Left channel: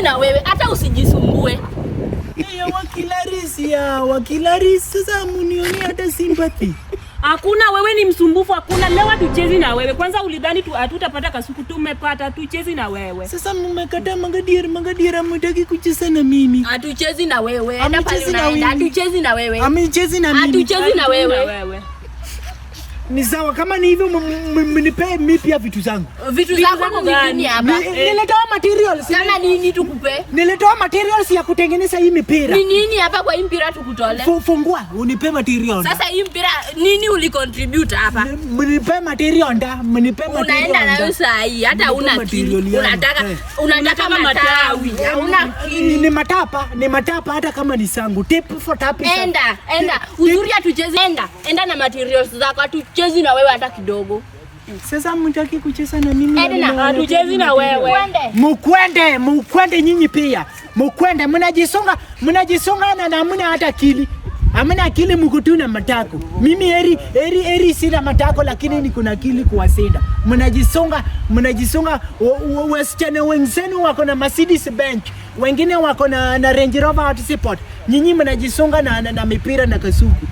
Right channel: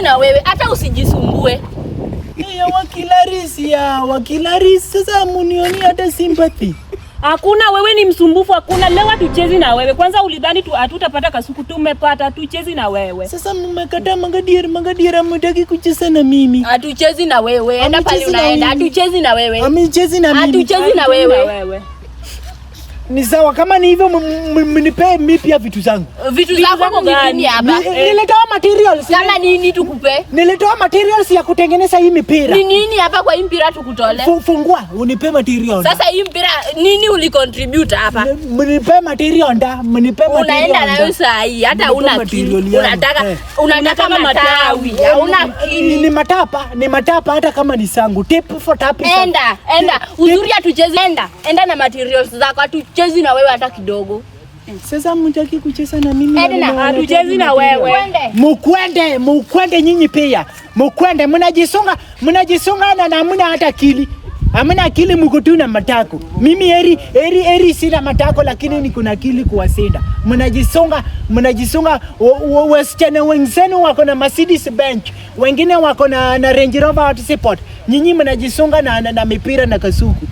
hatuchezi na wewe, hata usijisumbue. Wakilarisi sasa munioni hata sympathy. Hakuna, wewe ni msumbufu, hakuna. Leo hatuchezi na wewe. Kwanza ulidhani hatutapata kasuku, tumepata. Hatuchezi na wewe. Sasa mmekataa Magadiera mtaki kucheza na mimi. Hatuchezi na wewe. Enda pale unaenda. Hatuchezi na wewe. Amechezi na mimi. Hatuchezi na wewe. Ni sawa kama ni hivyo mnipe mimi pia vitu zangu. Vitu zako gani hapa? Nilitoa materials. Kama nini tukupe? Nilitoa materials ya kutengeneza hii mipira. Ni nini hapa kwa hii mpira tukutole? Fungua unipe materials. Sasa hii mpira nini ulicontribute hapa? Mnipe material mnipe material. Unaenda na wewe saa hii hata una kitu. Unataka matawi. Ni matapa hata kama ni sangu. Tape for tape. Enda. Uzuri hatucheze enda na materials zako. Hatuchezi na wewe hata kidogo. Sasa mtaki kucheza na mimi. Edna, hatuchezi na wewe. Mukwende nyinyi pia. Mukwende mnajisonga na hamna hata akili. Hamna akili, mko tu na matako. Mimi heri sina matako, lakini niko na akili kuwasenda. Mnajisonga wasichana wenzenu wako na Mercedes Benz. Wengine wako na Range Rover Sport. Nyinyi mnajisonga na mipira na kasuku.